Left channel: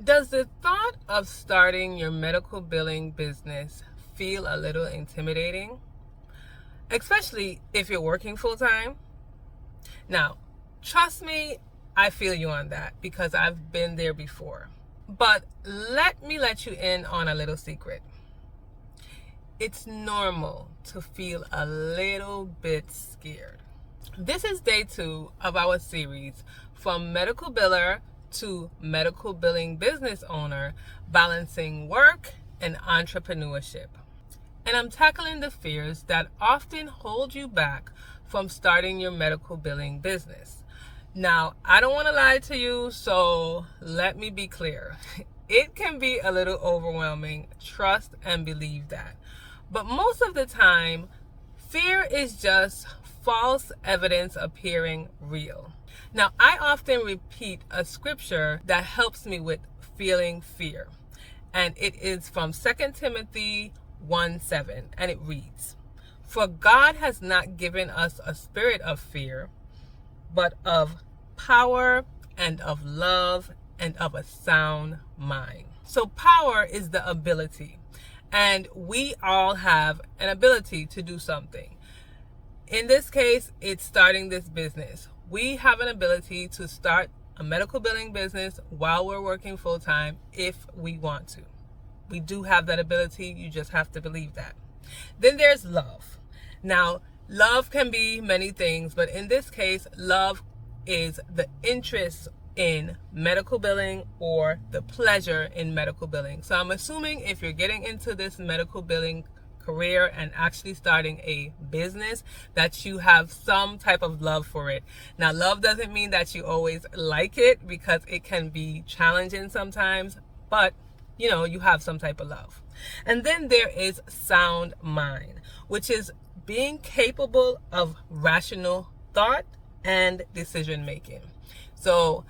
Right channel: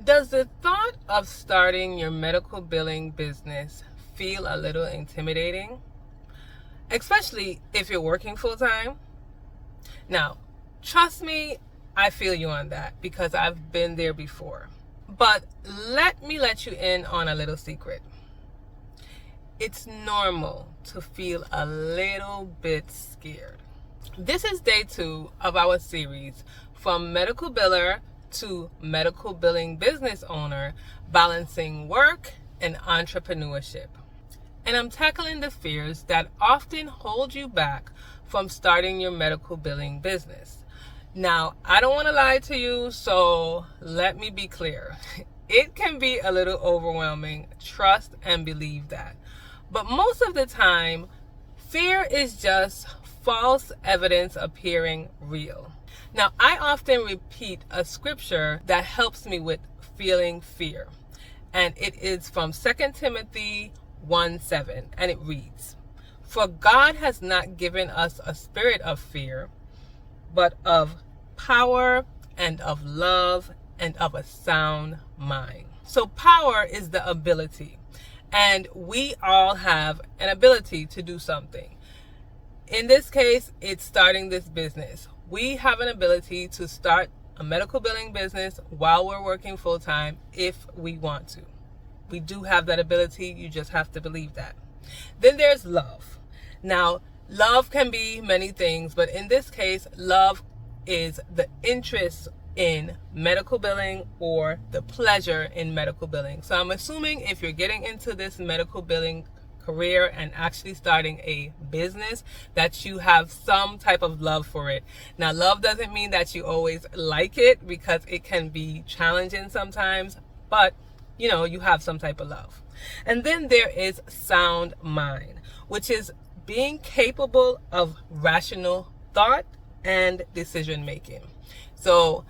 Does the thought of starting your medical billing business feel a little intimidating? Especially if you're working full time? Now, trust me, I feel you on that because I've been there before. But let me let you in on a little secret. It's normal to feel a little bit scared. This is day 2 of our series, From Medical Biller to Medical Billing Business Owner, Balancing Work and Entrepreneurship. And I'm tackling the fears that often hold you back from starting your medical billing business. Now, I don't want to lie to you, so let me be clear. It can be a little overwhelming, trust and believe that. But most of the time, fear is just false evidence appearing real. Now, I often repeat a scripture that helps me with feeling fear. And it is from 2 Timothy 1:7, and it reads, "For God has not given us a spirit of fear, but of power and of love and of a sound mind." So power is the ability, and we all have an ability to do something. In this case, it's starting this business. We have an ability to start a medical billing business while we're working full time if we want to. We do have that ability. You just have to believe that. Then there's love. Now, love can be many things, but in this case, love is the interest in medical billing or the pleasure in medical billing. So I'm assuming if you're getting into this medical billing career and actually starting a business, that you have some type of love for it. Now, love doesn't mean that you always like it, because it can be challenging sometimes, but you have some type of love. And then there is sound mind, which is being capable of rational thought and decision making. So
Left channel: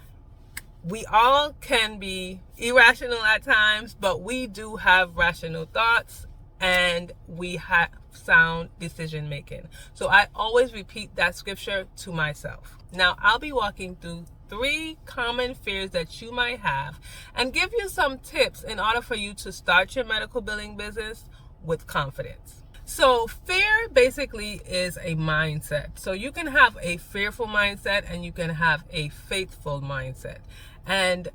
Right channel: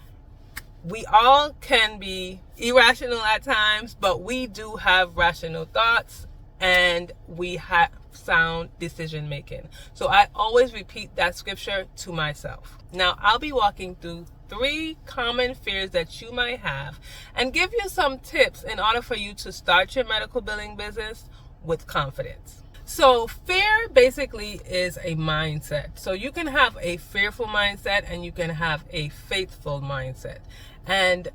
we all can be irrational at times, but we do have rational thoughts and we have sound decision making. So I always repeat that scripture to myself. Now, I'll be walking through 3 common fears that you might have and give you some tips in order for you to start your medical billing business with confidence. So fear basically is a mindset. So you can have a fearful mindset and you can have a faithful mindset. And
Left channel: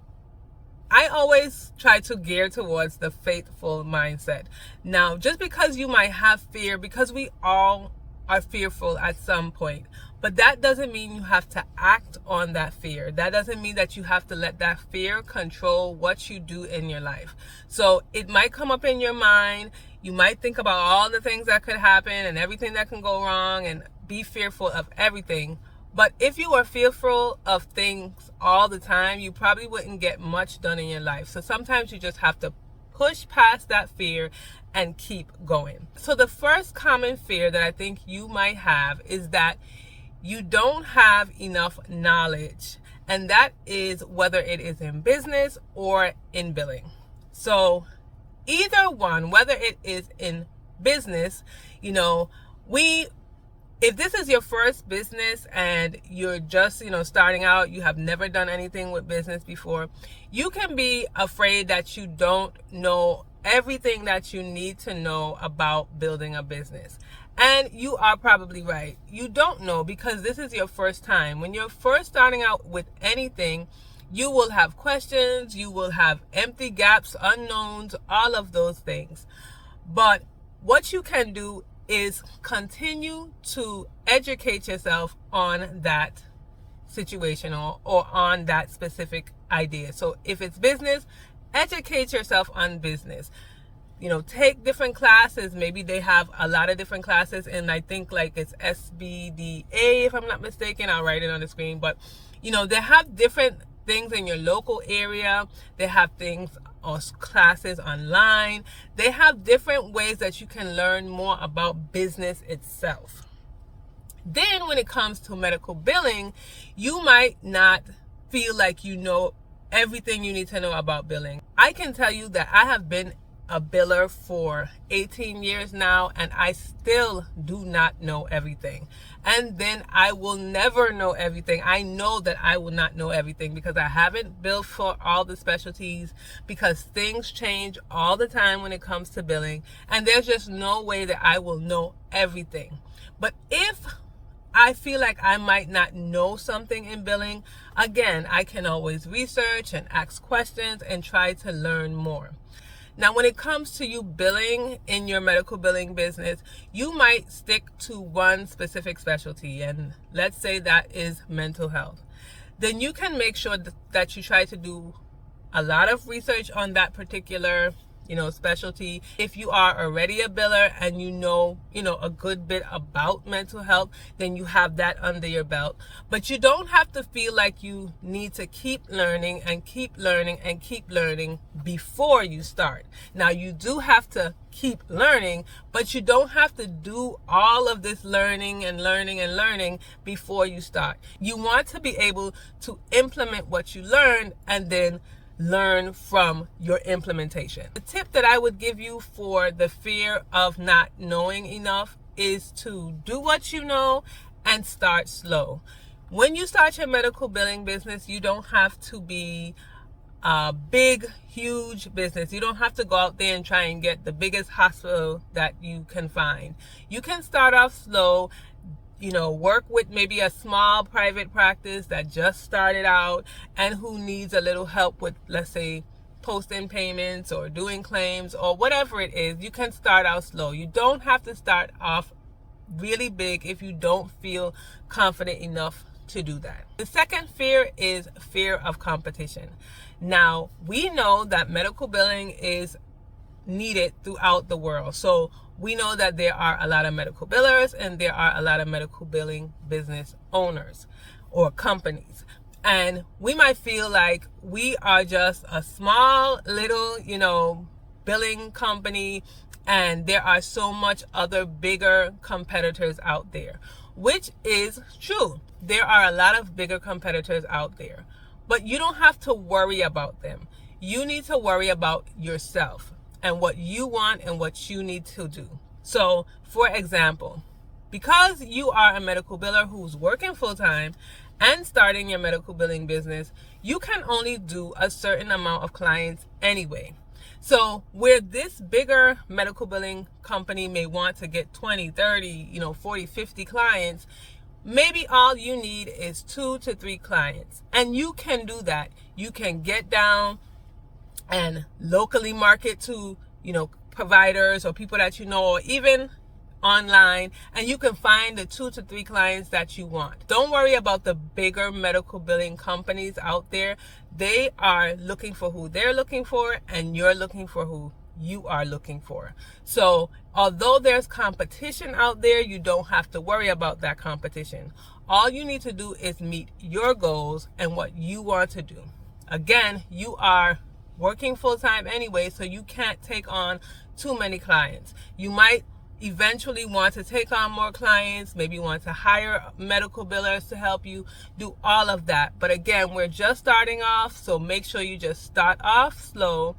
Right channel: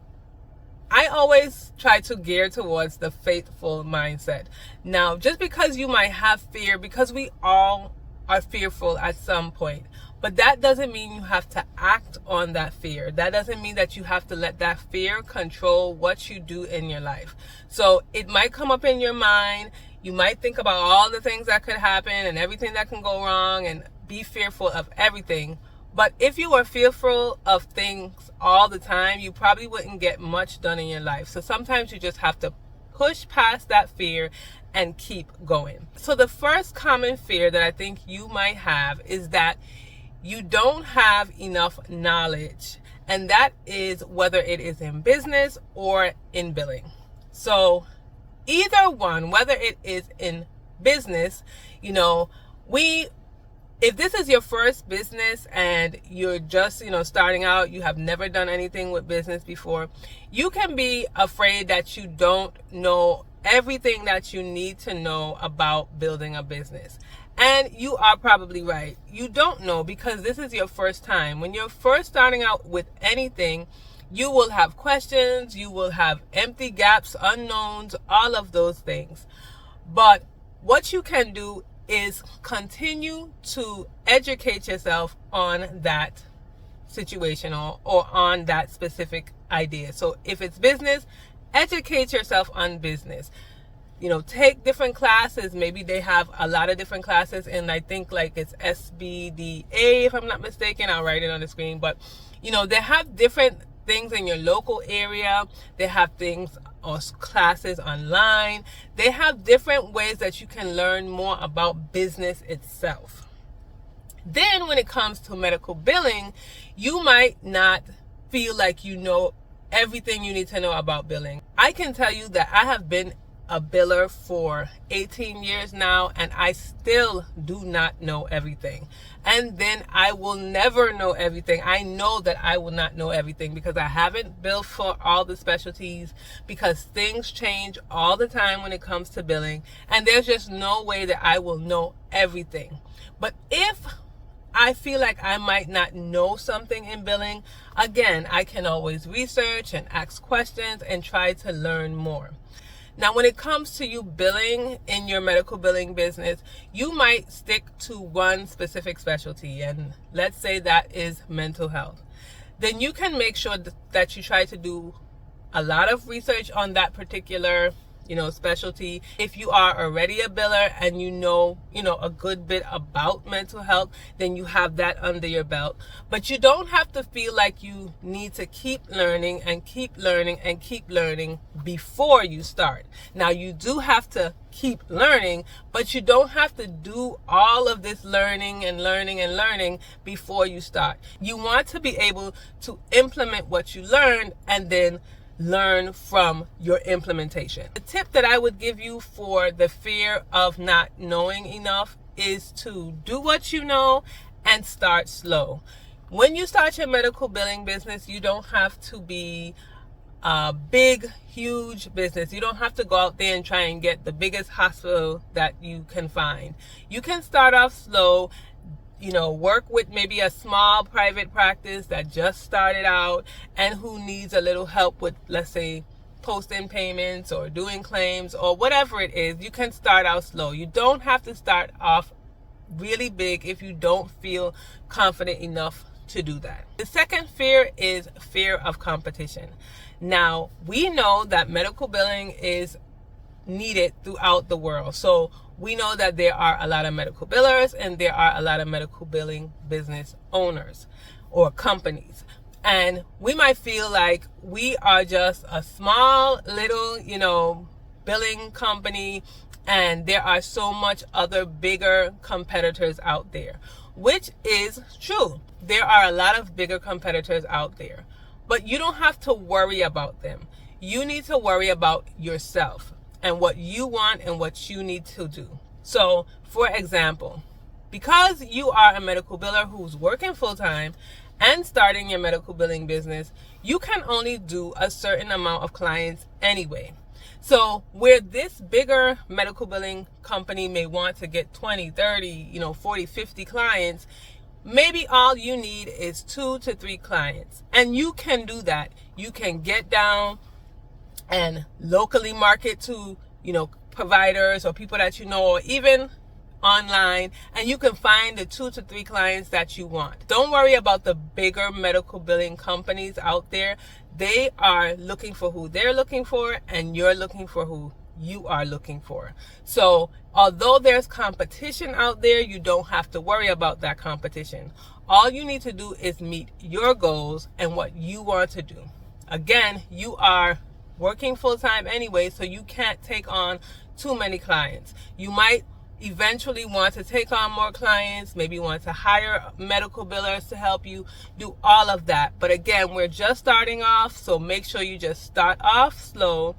I always try to gear towards the faithful mindset. Now, just because you might have fear, because we all are fearful at some point, but that doesn't mean you have to act on that fear. That doesn't mean that you have to let that fear control what you do in your life. So it might come up in your mind. You might think about all the things that could happen and everything that can go wrong and be fearful of everything. But if you are fearful of things all the time, you probably wouldn't get much done in your life. So sometimes you just have to push past that fear and keep going. So the first common fear that I think you might have is that you don't have enough knowledge. And that is whether it is in business or in billing. So either one, whether it is in business, if this is your first business and you're just, starting out, you have never done anything with business before, you can be afraid that you don't know everything that you need to know about building a business. And you are probably right. You don't know because this is your first time. When you're first starting out with anything, you will have questions, you will have empty gaps, unknowns, all of those things. But what you can do is continue to educate yourself on that situation or on that specific idea. So if it's business, educate yourself on business. Take different classes. Maybe they have a lot of different classes, and I think like it's SBDA, if I'm not mistaken. I'll write it on the screen. But they have different things in your local area. They have things or classes online. They have different ways that you can learn more about business itself. Then when it comes to medical billing, you might not feel like you know everything you need to know about billing. I can tell you that I have been a biller for 18 years now, and I still do not know everything. And then I will never know everything. I know that I will not know everything because I haven't billed for all the specialties, because things change all the time when it comes to billing, and there's just no way that I will know everything. But if I feel like I might not know something in billing, again, I can always research and ask questions and try to learn more. Now, when it comes to you billing in your medical billing business, you might stick to one specific specialty, and let's say that is mental health. Then you can make sure that you try to do a lot of research on that particular specialty. If you are already a biller and you know a good bit about mental health, then you have that under your belt. But you don't have to feel like you need to keep learning and keep learning and keep learning before you start. Now, you do have to keep learning, but you don't have to do all of this learning and learning and learning before you start. You want to be able to implement what you learned and then learn from your implementation. The tip that I would give you for the fear of not knowing enough is to do what you know and start slow. When you start your medical billing business, you don't have to be a big, huge business. You don't have to go out there and try and get the biggest hospital that you can find. You can start off slow. Work with maybe a small private practice that just started out and who needs a little help with, let's say, posting payments or doing claims or whatever it is. You can start out slow. You don't have to start off really big if you don't feel confident enough to do that. The second fear is fear of competition. Now, we know that medical billing is needed throughout the world. So we know that there are a lot of medical billers and there are a lot of medical billing business owners or companies. And we might feel like we are just a small little, billing company, and there are so much other bigger competitors out there, which is true. There are a lot of bigger competitors out there, but you don't have to worry about them. You need to worry about yourself and what you want and what you need to do. So, for example, because you are a medical biller who's working full-time and starting your medical billing business, you can only do a certain amount of clients anyway. So, where this bigger medical billing company may want to get 20, 30, 40, 50 clients, maybe all you need is 2 to 3 clients. And you can do that. You can get down and locally market to, providers or people that or even online, and you can find the 2 to 3 clients that you want. Don't worry about the bigger medical billing companies out there. They are looking for who they're looking for, and you're looking for who you are looking for. So although there's competition out there, you don't have to worry about that competition. All you need to do is meet your goals and what you want to do. Again, you are working full-time anyway, so you can't take on too many clients. You might eventually want to take on more clients, maybe want to hire medical billers to help you do all of that. But again, we're just starting off, so make sure you just start off slow,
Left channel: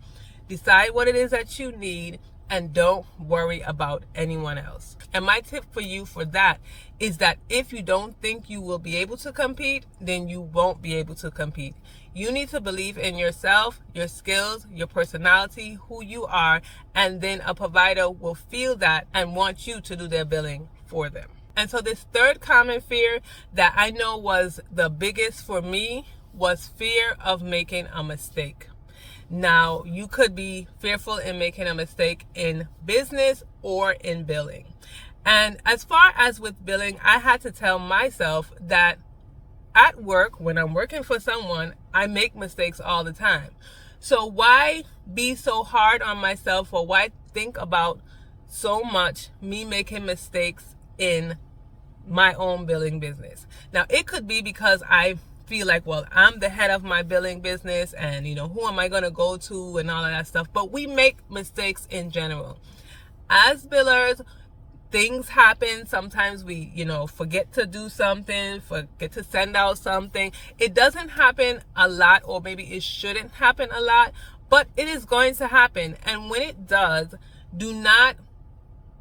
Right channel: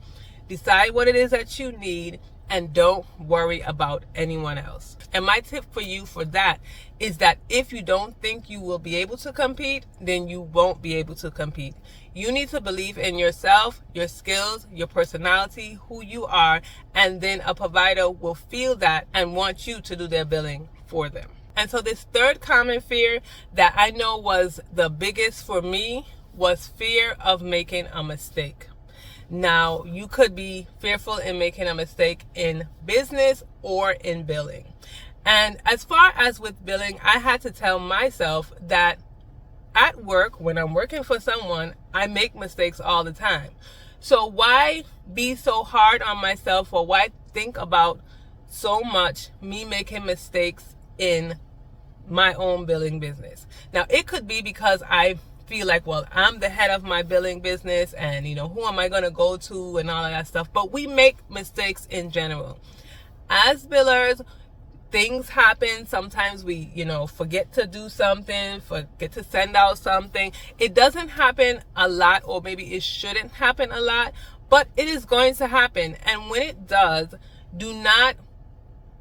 decide what it is that you need, and don't worry about anyone else. And my tip for you for that is that if you don't think you will be able to compete, then you won't be able to compete. You need to believe in yourself, your skills, your personality, who you are, and then a provider will feel that and want you to do their billing for them. And so this third common fear that I know was the biggest for me was fear of making a mistake. Now, you could be fearful in making a mistake in business or in billing. And as far as with billing, I had to tell myself that at work, when I'm working for someone, I make mistakes all the time. So why be so hard on myself, or why think about so much me making mistakes in my own billing business? Now, it could be because I feel like, well, I'm the head of my billing business, and who am I going to go to and all of that stuff. But we make mistakes in general. As billers, things happen. Sometimes we, forget to do something, forget to send out something. It doesn't happen a lot, or maybe it shouldn't happen a lot, but it is going to happen. And when it does, do not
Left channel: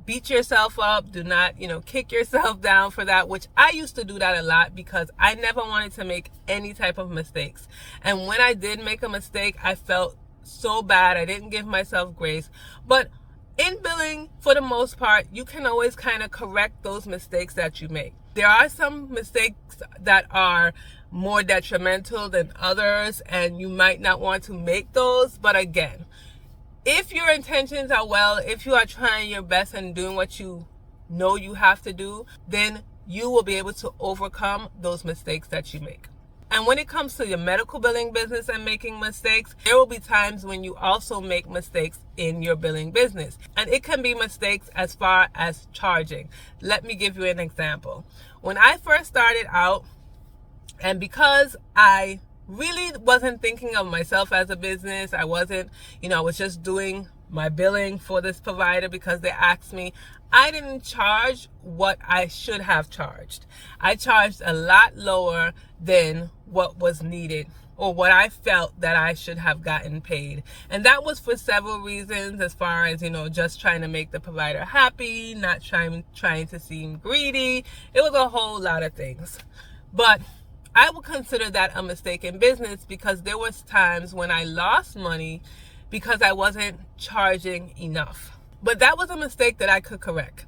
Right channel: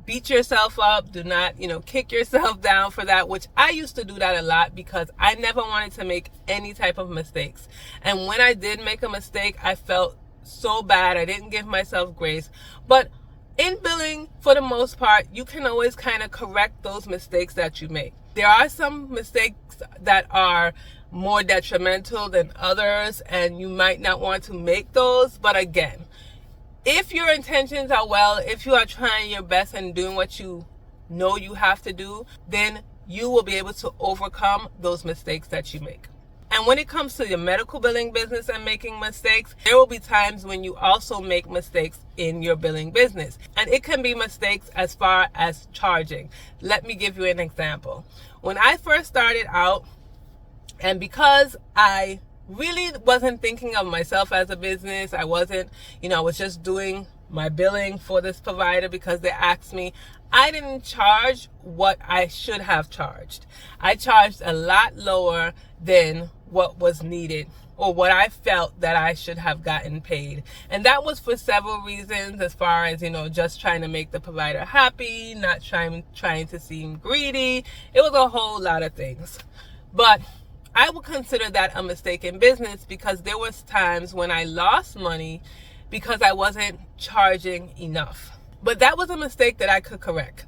beat yourself up. Do not, kick yourself down for that, which I used to do that a lot because I never wanted to make any type of mistakes. And when I did make a mistake, I felt so bad. I didn't give myself grace. But in billing, for the most part, you can always kind of correct those mistakes that you make. There are some mistakes that are more detrimental than others, and you might not want to make those. But again, if your intentions are well, if you are trying your best and doing what you know you have to do, then you will be able to overcome those mistakes that you make. And when it comes to your medical billing business and making mistakes, there will be times when you also make mistakes in your billing business. And it can be mistakes as far as charging. Let me give you an example. When I first started out, and because I really wasn't thinking of myself as a business, I wasn't, I was just doing my billing for this provider because they asked me. I didn't charge what I should have charged. I charged a lot lower than what was needed or what I felt that I should have gotten paid. And that was for several reasons, as far as, just trying to make the provider happy, not trying to seem greedy. It was a whole lot of things. But I would consider that a mistake in business because there was times when I lost money because I wasn't charging enough. But that was a mistake that I could correct.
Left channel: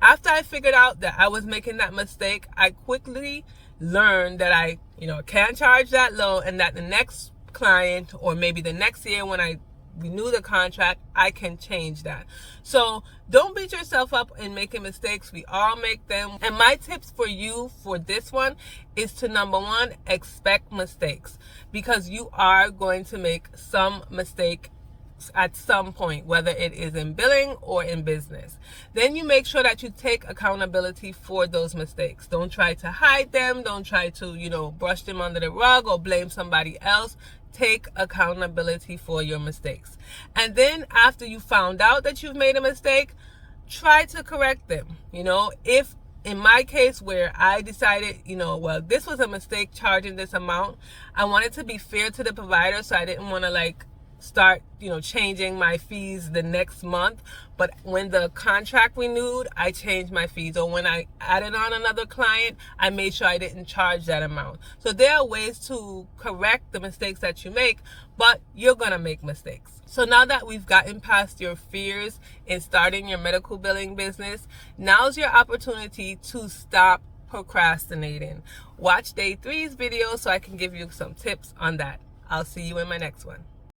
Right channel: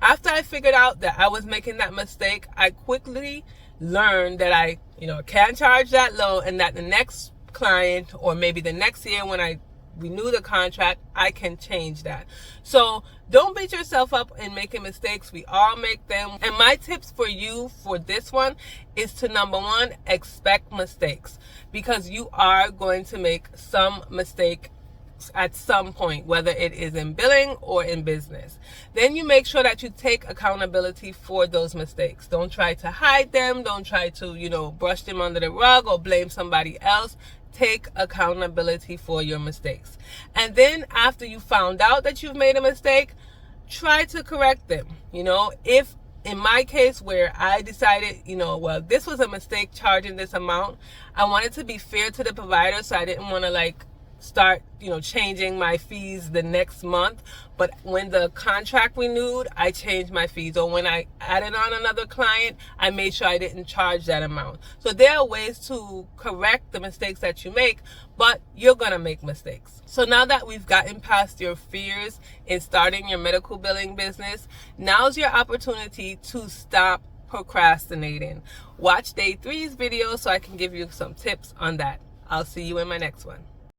After I figured out that I was making that mistake, I quickly learned that I, can't charge that low, and that the next client or maybe the next year when I renew the contract, I can change that. So don't beat yourself up in making mistakes. We all make them. And my tips for you for this one is to, number one, expect mistakes, because you are going to make some mistake at some point, whether it is in billing or in business. Then you make sure that you take accountability for those mistakes. Don't try to hide them. Don't try to, brush them under the rug or blame somebody else. Take accountability for your mistakes. And then after you found out that you've made a mistake, try to correct them. If in my case where I decided, this was a mistake charging this amount, I wanted to be fair to the provider, so I didn't want to start, changing my fees the next month. But when the contract renewed, I changed my fees. Or when I added on another client, I made sure I didn't charge that amount. So there are ways to correct the mistakes that you make, but you're going to make mistakes. So now that we've gotten past your fears in starting your medical billing business, now's your opportunity to stop procrastinating. Watch day 3's video so I can give you some tips on that. I'll see you in my next one.